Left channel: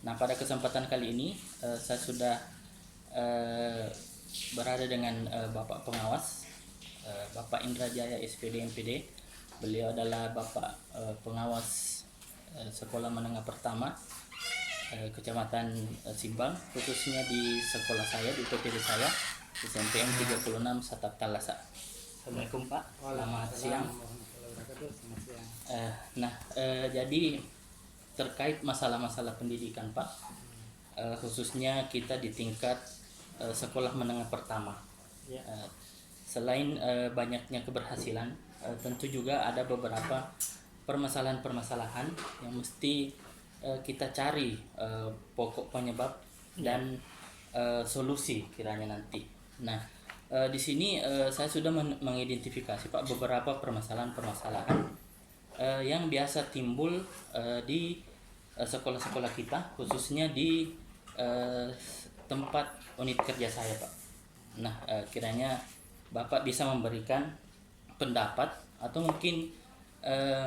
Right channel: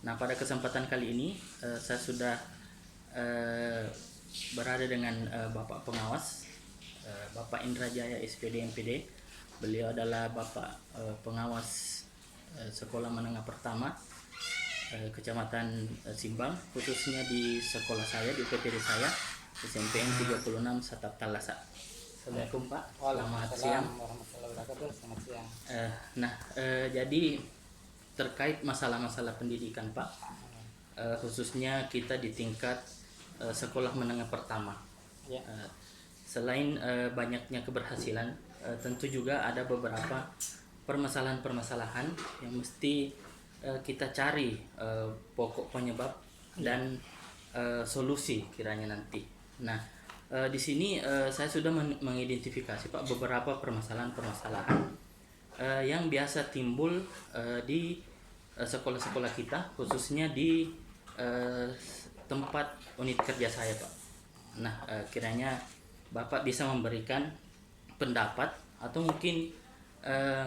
Nah, pada kesempatan kali ini saya sudah berada dengan Bapak Pengawas, Bapak Indrajaya SPD MPD. Beliau adalah Bapak Pengawas Sekolah Menengah Pertama Kecamatan Simbang, khususnya di sekolah saya, di UPTD saya, SMPN 36 Satap Talasa. Assalamualaikum Pak, selamat siang. Selamat siang. Jadi terkait masalah-masalah pendidikan Pak, khususnya kita di tingkat sekolah menengah pertama. Ya. Selain banyaknya keberhasilan, tentu juga ada beberapa permasalahan-permasalahan yang mesti kita cari pokok penyebab dan solusi kiranya nanti. Nah, di sini saya sudah mengidentifikasi Pak beberapa permasalahan-permasalahan yang biasa timbul di sekolah-sekolah kita, khususnya di tempat unit kerja saya Pak. Nah, kiranya Bapak bisa memberikan pendapat atau mungkin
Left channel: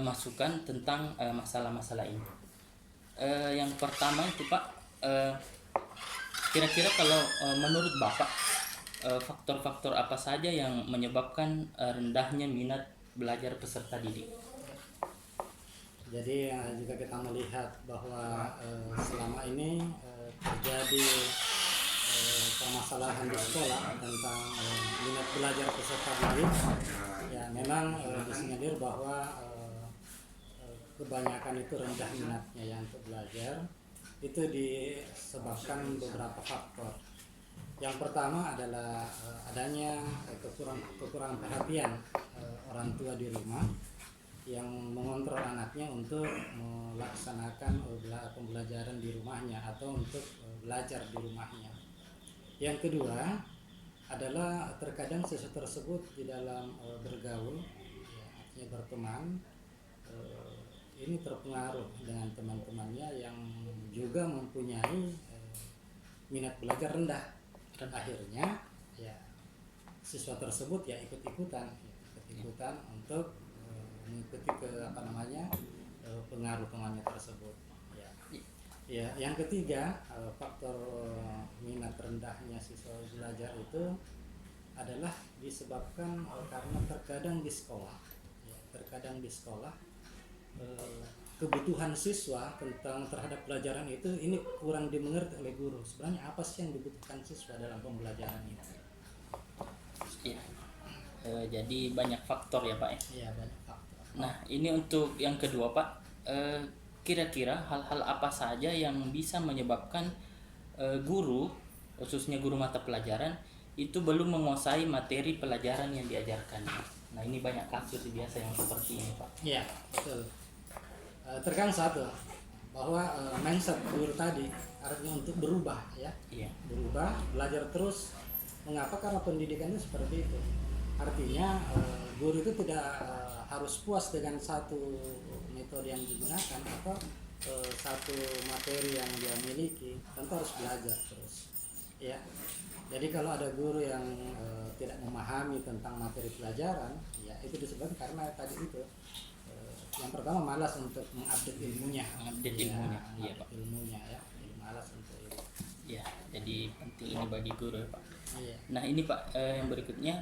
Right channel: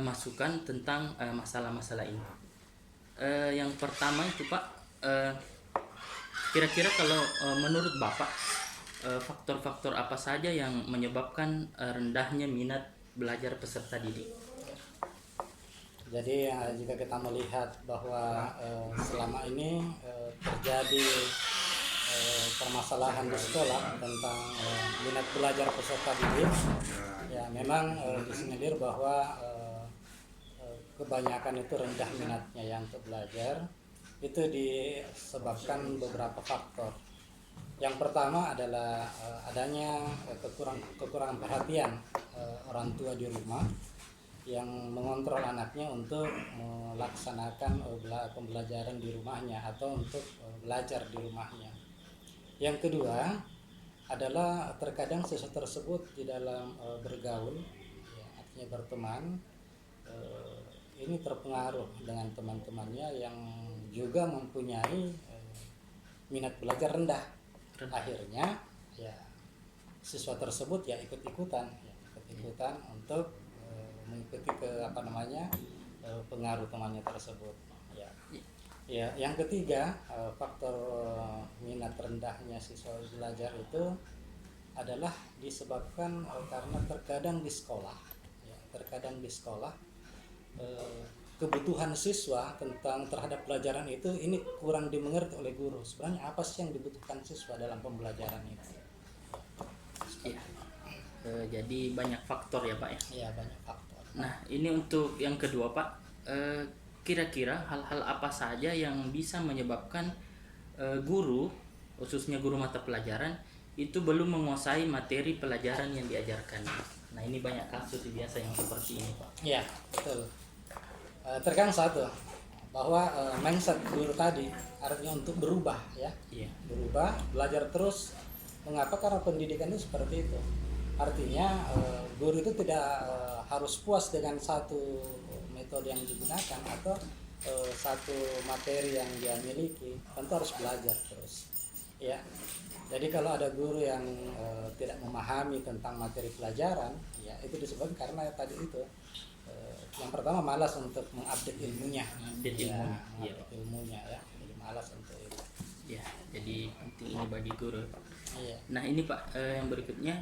masukan tentang masalah-masalah ini. Yang pertama itu Pak, kira-kira kalau menurut Bapak faktor-faktor apa saja yang menyebabkan rendahnya minat belajar peserta didik? Jadi jika kita melihat bahwa selama ini terjadi permasalahan di sekolah tentang minat belajar peserta didik, ya memang disinyalir bahwa kebanyakan itu rendah minatnya yang untuk belajar. Itu disebabkan beberapa faktor. Yang pertama adalah adanya kekurangan perhatian orang tua di rumah yang mengontrol anaknya untuk melaksanakan pembelajaran di rumahnya atau untuk belajar di rumahnya. Yang kedua adalah terkadang siswa tersebut di dalam bergaul, ya, artinya berteman, ini terpengaruh dengan teman-temannya yang juga mempunyai minat belajar rendah. Akhirnya ya siswa tersebut ya ikut-ikutan untuk mengikuti pengaruh temannya tersebut. Ya, yang ketiga faktor minat rendahnya siswa belajar itu adalah disebabkan karena terkadang di sekolah kebutuhan siswa terhadap pelajaran itu ini kurang dimengerti oleh guru. Sebenarnya apa sih yang dibutuhkan siswa dalam pembelajaran itu? Ya. Jadi banyak faktor ya Pak ya? Iya, banyak faktor. Nah, ini untuk yang kedua Pak, kira-kira hal-hal apa saja yang bisa menyebabkan guru, khususnya guru mata pelajaran, itu belum menguasai materi pelajaran yang diajarkan. Nah, ini banyak kasus biasa yang seperti ini Pak. Iya, betul. Terkadang satu bahwa mindset guru tadi artinya untuk berubah ya. Iya. Berubah, belajar terus. Mengapa? Karena pendidikan itu seperti itu. Artinya guru itu tidak harus puas dengan satu metode yang digunakan atau satu materi yang dia miliki, tentu harus belajar terus. Ya. Jadi kalau ada guru yang tidak memahami tentang materi pelajaran, ya itu disebabkan karena tadi itu yang pertama malas untuk mengupdate ilmunya, ilmunya ya, jadi malas untuk itu. Ya, jadi penting ini bagi guru Pak. Iya. Nah ini Pak, yang berikutnya,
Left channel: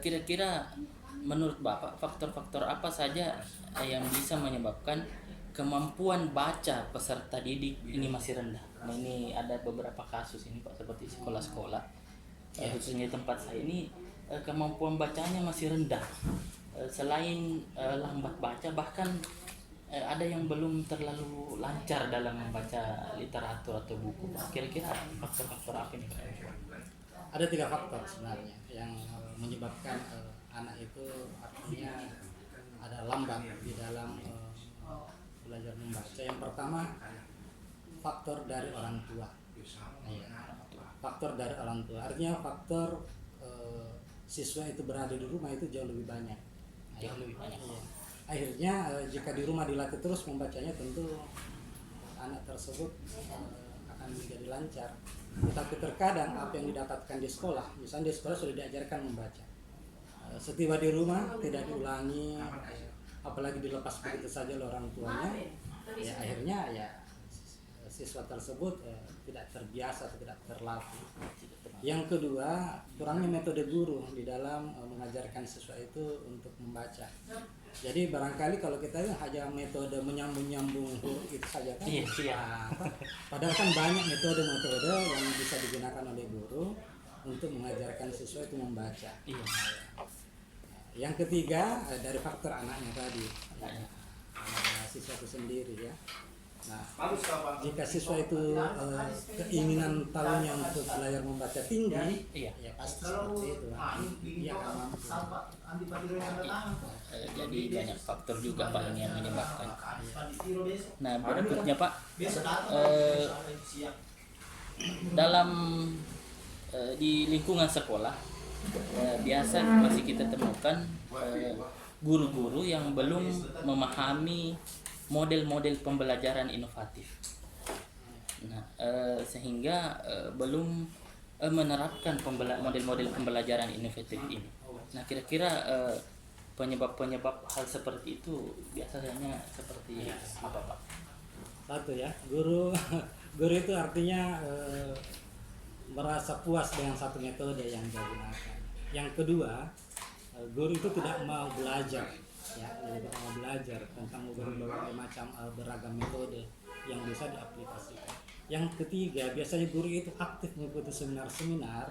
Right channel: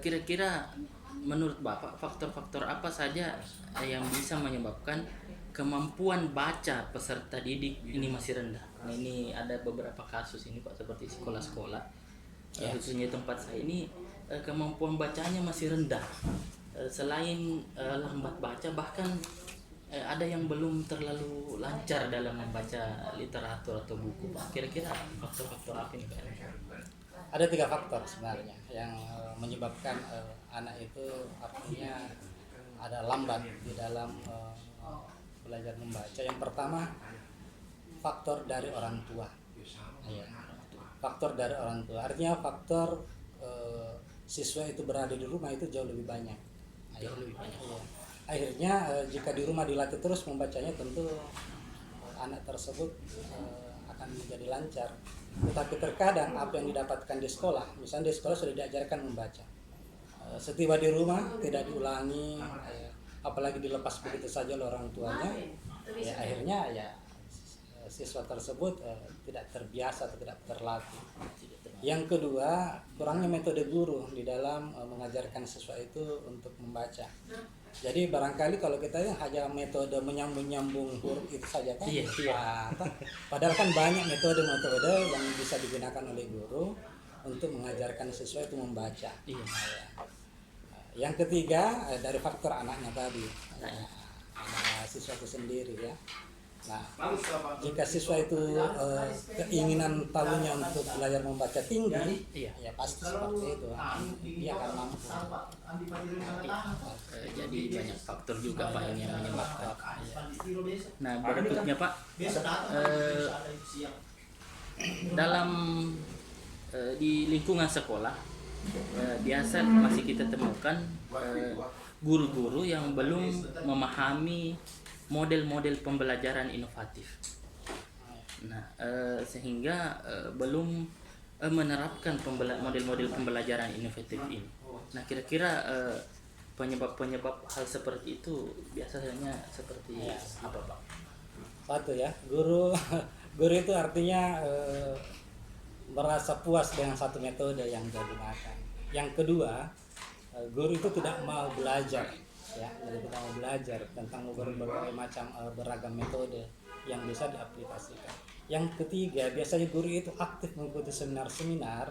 kira-kira menurut Bapak faktor-faktor apa saja yang bisa menyebabkan kemampuan baca peserta didik ini masih rendah? Nah, ini ada beberapa kasus ini Pak, seperti sekolah-sekolah, khususnya tempat saya ini kemampuan bacanya masih rendah. Selain lambat baca, bahkan ada yang belum terlalu lancar dalam membaca literatur atau buku Pak. Kira-kira faktor-faktor apa ini Pak? Ada 3 faktor sebenarnya yang menyebabkan anak itu artinya ada lambat di dalam belajar membaca. Yang pertama, faktor dari orang tua. Faktor dari orang tua artinya faktor siswa itu berada di rumah itu jauh lebih banyak. Akhirnya jika di rumah dilatih terus membacanya, tentu anak tersebut akan menjadi lancar. Tetapi terkadang apa yang didapatkan di sekolah, misalnya di sekolah sudah diajarkan membaca, setiba di rumah tidak diulangi, apalagi dilepas begitu saja oleh orang tuanya, ya akhirnya ya siswa tersebut tidak terbiasa atau tidak terlatih. Yang kedua, kurangnya metode guru di dalam mengajarkan siswa itu untuk membaca. Jadi barangkali kalau kita hanya metode menyambung huruf itu saja kan, padahal kan banyak metode-metode yang bisa digunakan oleh guru untuk mengajarkan siswa itu membaca. Yang ketiga, dari faktor anaknya tadi, anak siswa itu sendiri ya. Nah, jika siswa itu keinginan tahunya untuk belajar membaca tinggi, ya pasti seperti itu. Dia akan mampu. Jadi banyak faktor juga Pak yang menyebabkan. Nah, berikutnya Pak, dalam di lingkungan sekolah biasa masih kita temukan guru-guru yang belum memahami model-model pembelajaran inovatif. Nah, sehingga belum menerapkan model-model pembelajaran inovatif ini. Nah, kira-kira penyebab-penyebab hal seperti itu biasanya seperti apa Pak? Satu ya, guru itu artinya merasa puas dengan satu metode yang digunakan. Yang kedua, guru itu tidak mau belajar, ya, tidak mau belajar tentang berbagai macam beragam metode yang bisa diaplikasikan. Yang ketiga, biasanya guru itu aktif mengikuti seminar-seminar,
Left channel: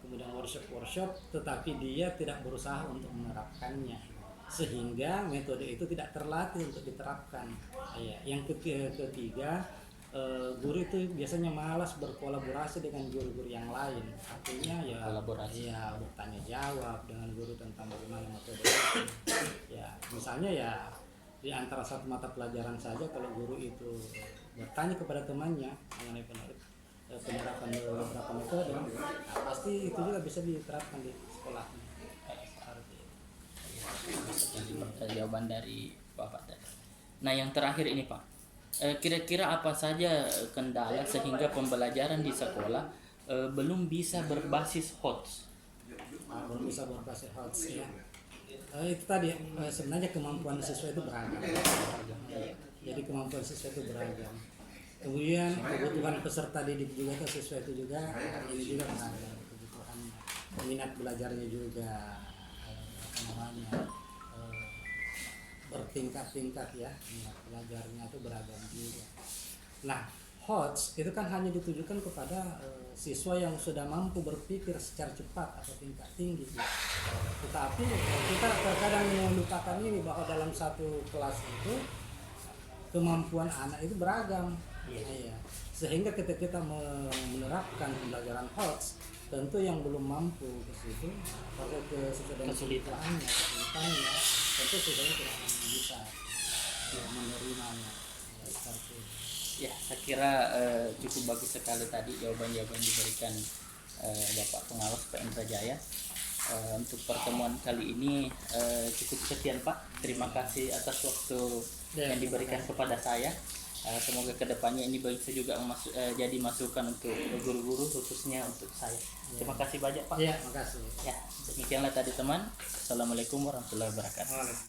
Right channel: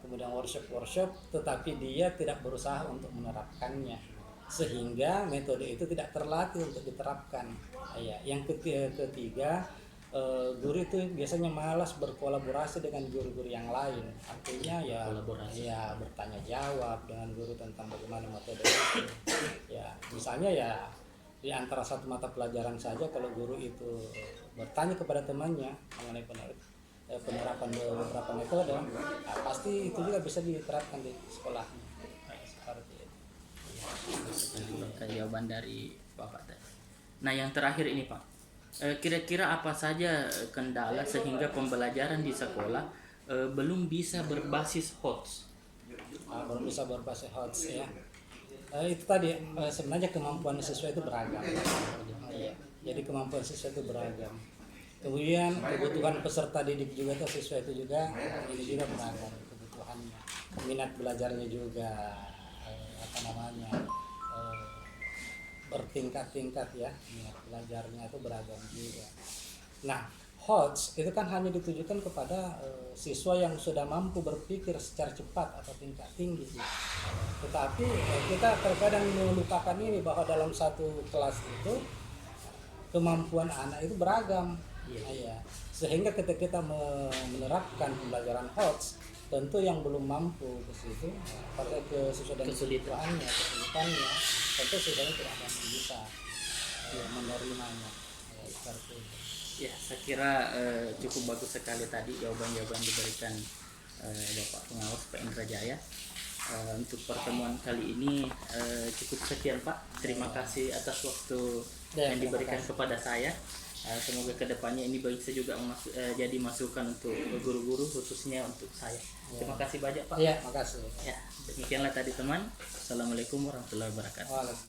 kemudian workshop, tetapi dia tidak berusaha untuk menerapkannya, sehingga metode itu tidak terlatih untuk diterapkan. Yang ketiga, guru itu biasanya malas berkolaborasi dengan guru-guru yang lain. Artinya bertanya jawab dengan guru tentang bagaimana metode itu. Misalnya di antara satu mata pelajaran saja, kalau guru itu bertanya kepada temannya mengenai penerapan beberapa metode, pasti itu juga bisa diterapkan di sekolahnya. Seperti itu. Jawaban dari Bapak tadi. Nah, yang terakhir ini Pak, kira-kira apa saja kendala sehingga pembelajaran di sekolah belum bisa berbasis HOTS? Belum bisa berbasis HOTS ya. Itu tadi sebenarnya kemampuan siswa itu beragam. Jadi kemampuan siswa itu beragam. Kemudian kebutuhan peserta didik juga tuh siswa itu juga ini juga beragam kebutuhannya. Minat belajarnya juga bertingkat-tingkat ya, minat belajarnya itu beragam juga. Nah, HOTS itu kan hanya ditujukan kepada siswa yang sudah mampu berpikir secara cepat atau tingkat tinggi. Tetapi kita terkadang melupakan ini, bahwa dalam satu kelas itu kemampuan anak itu beragam. Sehingga ketika kita menerapkan pembelajaran HOTS, tentu yang belum mampu ke situ, pakai kesulitannya, tentu siswanya tidak akan bisa menerimanya. Seperti itu. Ya, saya kira cukup bagus sekali tadi jawaban-jawaban diberikan Bapak Pengawas Pak Indra Jaya. Untuk pertemuan kali ini cukup sekian Pak. Terima kasih atas waktu yang diberikan kepada saya. Semoga kedepannya ini bisa juga jadi masukan untuk guru-guru, khususnya untuk saya. Terima kasih banyak Pak. Ya, makasih. Ya, demikianlah tadi teman. Assalamualaikum warahmatullahi wabarakatuh.